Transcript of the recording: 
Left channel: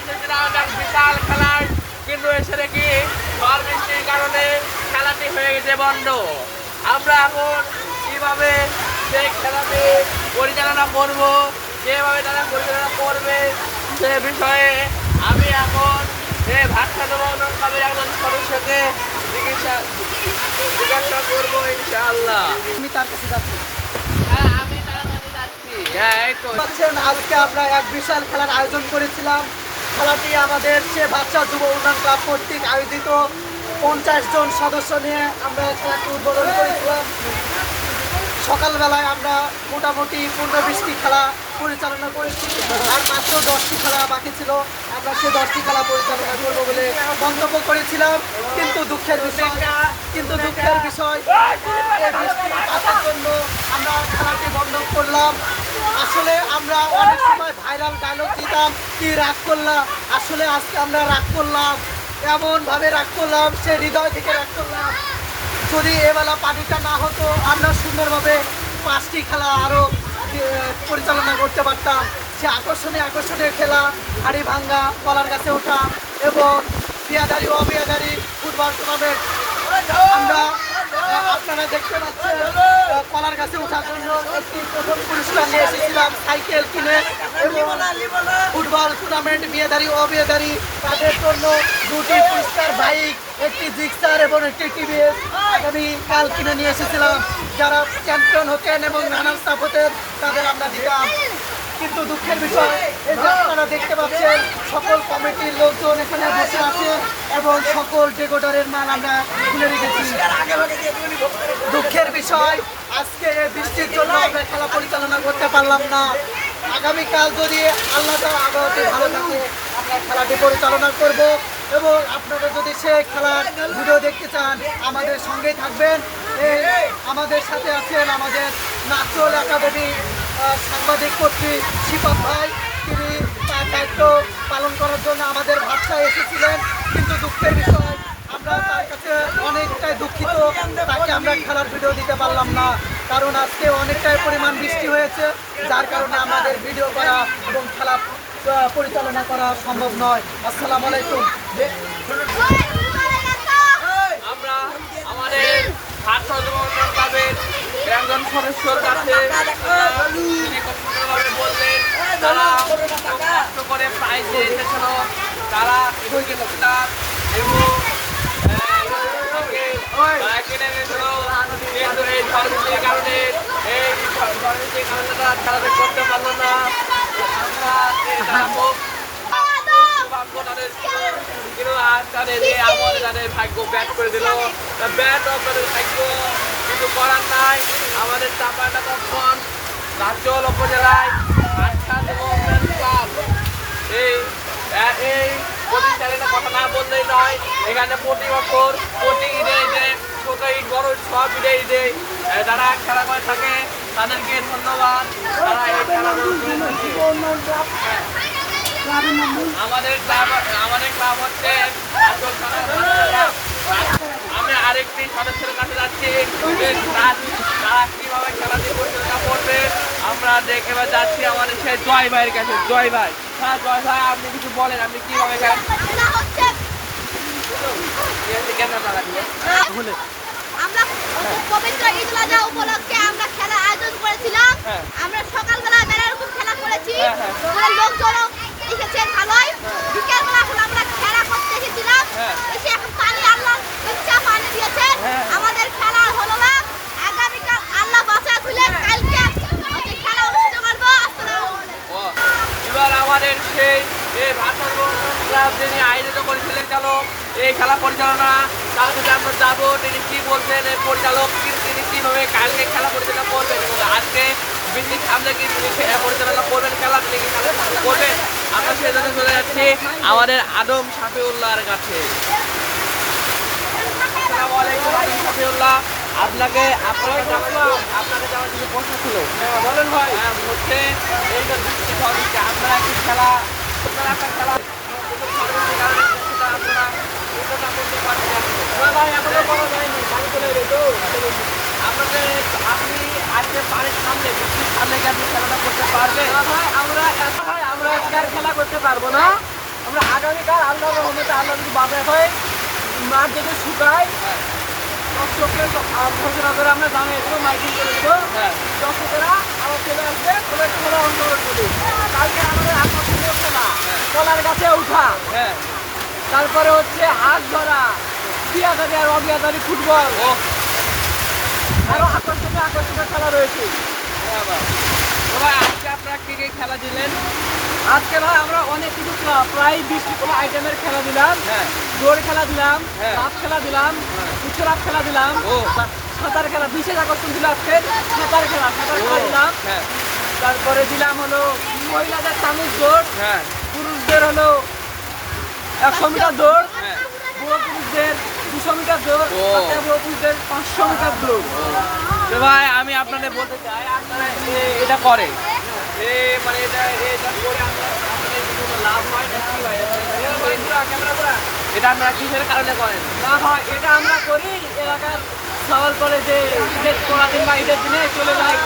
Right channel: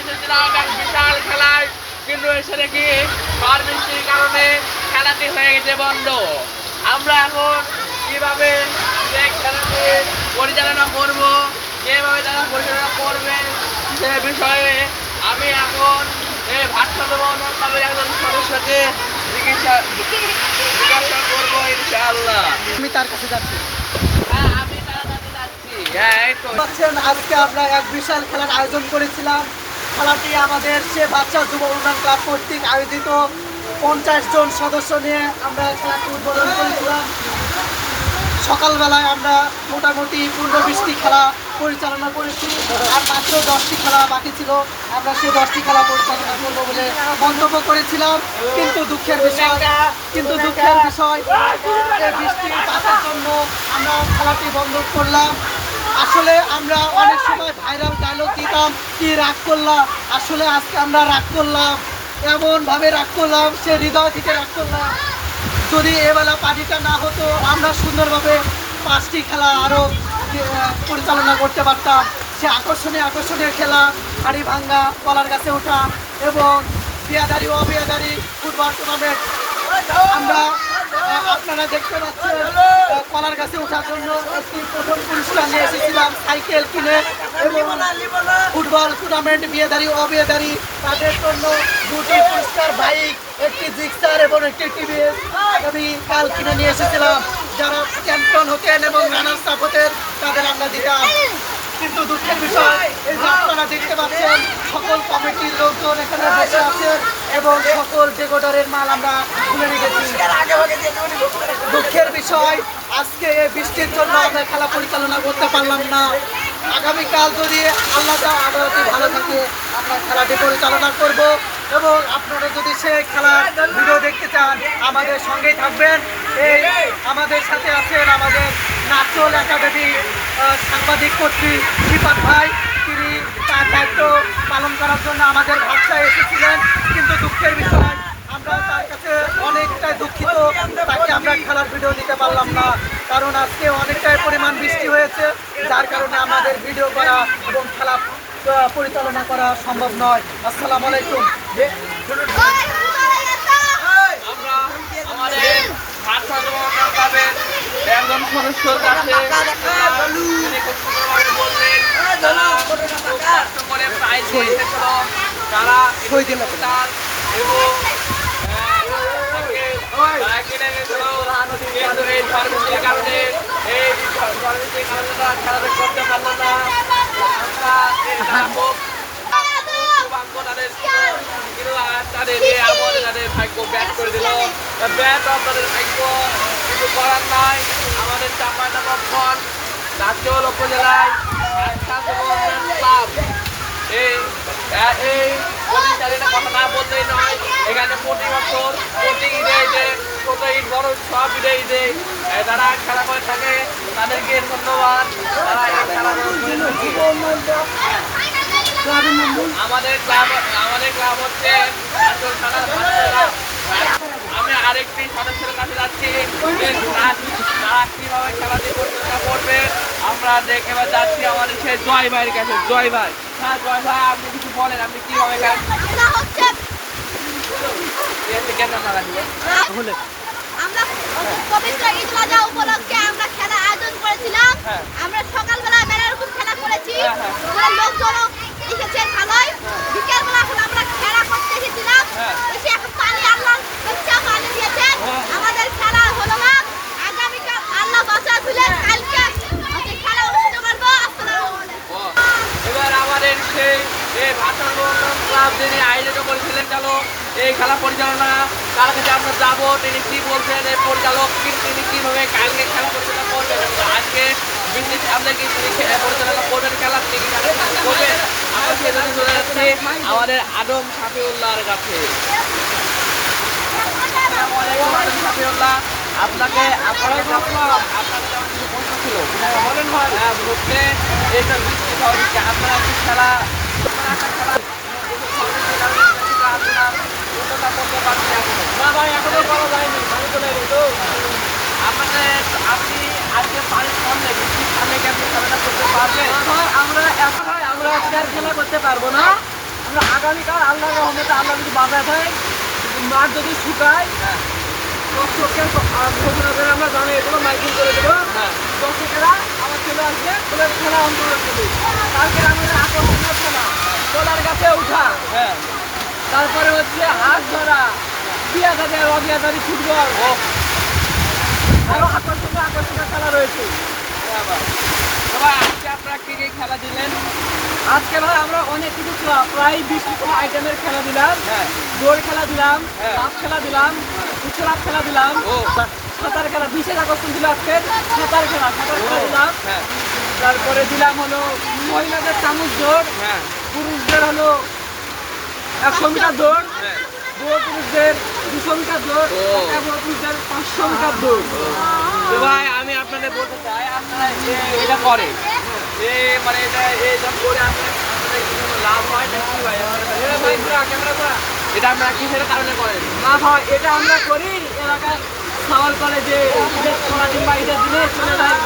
এসেছিলাম এক বিশাল খেলায়, কিন্তু এসে দেখি ঝড় বৃষ্টির কারণে খেলাটি হয়ে গেছে বন্ধ। আমরা এখন কিভাবে সেই খেলাটি পরিচালনা করব, কিভাবে তারা পরিচালনা করবে সে বিষয়ে আমি এখন এই ভারসাম্য বন্ধন ক্লাবের একজন সদস্যকে জিজ্ঞাসা করবো ইনশাআল্লাহ। আমি তার কাছে যাচ্ছি। হ্যাঁ, আমি তার কাছে যাচ্ছি। হ্যাঁ, এই তো। আজকে আমরা এক বিশাল খেলার আয়োজন করেছিলাম। খেলাটি আমাদের সে বাচ্চা যুব উন্নয়ন ক্লাব কর্তৃক আয়োজিত 50 জন সদস্য নিয়ে আমরা খেলাটি উদ্বোধন করেছিলাম। সকালবেলায় আমরা মোটামুটি 15-20টি খেলা পরিচালনা করেছি, আর মাত্র 10টি খেলা বাকি ছিল। আমরা সেই 10টি খেলা পরিচালনা করব বলে মন্তব্য করেছিলাম, কিন্তু দুঃখের বিষয় এই বৃষ্টির চাষের জন্য আমরা খেলাটি বন্ধ করলাম। আসলে আমরা অনেক সময় ভাইরাল ডায়লগ দিতাম, কি রাগ করলাম। আসলে আজকে আমরা রাগ করলাম, এমনভাবে রাগ করলাম, সে হৃদয় থেকে রাগ করলাম। যদি এবেলা পানিটা না হতো, আমরা সুন্দরভাবে 5টি খেলা আরও পরিচালনা করতে পারতাম। সে আকর্ষণীয় খেলা, হাড়ি ভাঙ্গা, কলার গাছে ওঠা এবং বিয়াদারি অবিয়াদারি ফুটবল টুর্নামেন্ট। আমরা আপনারা দেখতে পাচ্ছেন কলার গাছে ওঠার জন্য একটি প্রথম পুরস্কার নিয়ে এসেছিলাম সাইকেল কিনে, এবং ফুটবল টুর্নামেন্ট বিয়েদারি অবিয়েদারি তাদের জন্য 2টি পুরস্কার বাইক, একটি জিক্সার এবং একটি টিভিএস আগামীকাল কিনে নিয়ে এসেছিলাম। যারা চ্যাম্পিয়ন হতেন এবং রানার্স আপ হতেন তাদের আমরা দিতাম। কিন্তু দুঃখের বিষয়, এই যে আপনারা দেখতে পাচ্ছেন সকল কমিটির লোকজন এখানে বসে আছেন এবং সকল ডেকোডারের মাল আমরা খুলে রেখেছি। দুঃখের বিষয়, আজকে এই বৃষ্টির জন্য আমরা খেলা পরিচালনা করতে পারলাম না। আগামীকাল যদি আল্লাহ আগামী ভালো থাকে আমরা খেলাটি পরিচালনা করব, এবং আপনারা যদি সেই খেলার ভিডিও দেখতে চান আমাদের সঙ্গেই থাকবেন। এই আমাদের সাথে আছেন আমাদের নাচল একাডেমি সাংবাদিক কর্তৃক শিপাত ভাই, তিনি তার দায়িত্ব পালন করার জন্য আমাদের ভাষায় এসেছিলেন। কিন্তু দুঃখের বিষয়, আমরা তার কাছে অনেকটাই দুঃখিত, তাকে আমরা খেলার ভিডিও দিতে পারলাম না, কারণ আজকে অনেকটাই পরিমাণ বৃষ্টি হয়েছে, যার কারণে আমাদের ভিডিও করা এবং খেলা পরিচালনা করা সম্ভব নয়। আসসালামু আলাইকুম। আমরা আমাদের ভারসাম্য বন্ধন ক্লাবের একজন সদস্যর কাছে বললেন তারা কষ্ট করে প্রাইজে এসেছিল, তারা এবং করতে পারলো না। তাদের ভাগ্য ব্যাট করে দিল, ব্যাট আপনাদের ভাগ্য, কিছু করার নাই। আমাদের চাঁপাইনবাবগঞ্জ নাচল উপজেলায় ক্লাব এই প্রতিষ্ঠানের কথা না বললেই নয়। এখানে প্রতি বছর প্রতি ঈদে ঈদে ছোট ঈদ বড় সব ঈদে ঈদে যারা খেলা করে থাকে তাদেরকে ধন্যবাদ। তারা এই খেলাধুলো আমাদের ক্লাব হচ্ছে আমি আরেকটি সদস্যের কাছে যাচ্ছি, তারা কিভাবে খেলাটি পরিচালনা করবে আমরা এবার যাচ্ছি আমাদের সেই জয় ভাইয়ের কাছে। জয় ভাই, হ্যাঁ জয় ভাই, আপনি কিছু বলেন, আপনি কিভাবে উপলক্ষে আমরা খেলা আয়োজন করেছিলাম। আমরা সকালবেলা বেলা এরকম খেলা করেছি, লোকজন এসেছেন ভালোই। বিকেলবেলা এখন আমরা খেলা করতে এসেছিলাম, এসে এখন পানি আল্লাহ ইচ্ছা পানি দিয়েছেন, আমাদের খেলা হলো না। আগামীকাল আল্লাহ বাঁচা দিলে কালকে খেলা অনুষ্ঠিত করবো। আসসালামু আলাইকুম। এবার আমাদের সেই ভারসাম্য বন্ধন ক্লাব যিনি আয়োজিত করেছিলেন গেল এই খেলা পরিচালনা, তার কাছে আমরা যাবো, তিনি কি বলছেন এই পরিচালক, তিনি কিভাবে কালকে খেলা পরিচালনা করবেন এবং আজকে বৃষ্টির সামনে কি তিনি পরিচালনা করবেন খেলা, তিনি কি খেলা করবেন। আমরা সেজন্য চলে যাচ্ছি আমাদের আদম শাফিউল্লাহর কাছে। আসসালামু আলাইকুম আদম শাফিউল্লাহ, আপনাকে আপনাকে যেমন কিছু প্রশ্ন ছিল বলেন ভাই। হচ্ছে এই তো বৃষ্টি আপনারা কি খেলা আপনি আজকে পানির সামনে বৃষ্টির সামনে কি আপনি খেলাটা করতে পারবেন? আমরা আজকে আর খেলা করতে পারবো না, আমরা আগামীকাল আল্লাহর রহমতে আল্লাহ যদি বাজার হয় মাঠ যদি শুকায় দর্শকের ঘোষণা করে আমরা জানিয়ে দেবো, মাইকিং করে দেবো। দর্শকেরা আবার চলে আসবে, ফুলের খেলা অন্তর করবে। কালকে আমাদের আকর্ষণীয় খেলা কলার গাছে ওঠা, তারপরে হচ্ছে হাত ধরা, বিয়াদারি অবিয়াদারি ফুটবল, আরো আকর্ষণীয় খেলা রয়েছে। আজকে আপনারা কি কি খেলা দিলেন? আজকে ভাই আমরা অনেক কিছু প্রায় 20 আইটেমের খেলা দিলাম। দৌড় খেলা দিলাম, লাফ খেলা দিলাম, উচ্চলাফ খেলা দিলাম, সাঁতার খেলা। বিশেষ আকর্ষণ ছিল আজকে সাঁতার খেলা দিলাম। তারপরে দিলাম হলো মহিলাদের চামচ দৌড়, পুরুষদের হলো 100 মিটার দৌড়, বুড়ো পুরুষদের 200 মিটার দৌড়, বুড়ো পুরুষদের 500 মিটার দৌড়। তো ভাই আমি আপনাদের বলতে চাই, আপনারা এটা করেন, মানে এটা করে আপনাদের কি কোনো লাভ হয় না কি ভাই? এটা আপনারা কিসের কারণে করেন? না ভাই, এটা আমরা করি এলাকার সওয়াল করে যে ঈদের পরের দিন বা ঈদের দিনে চলে যায়।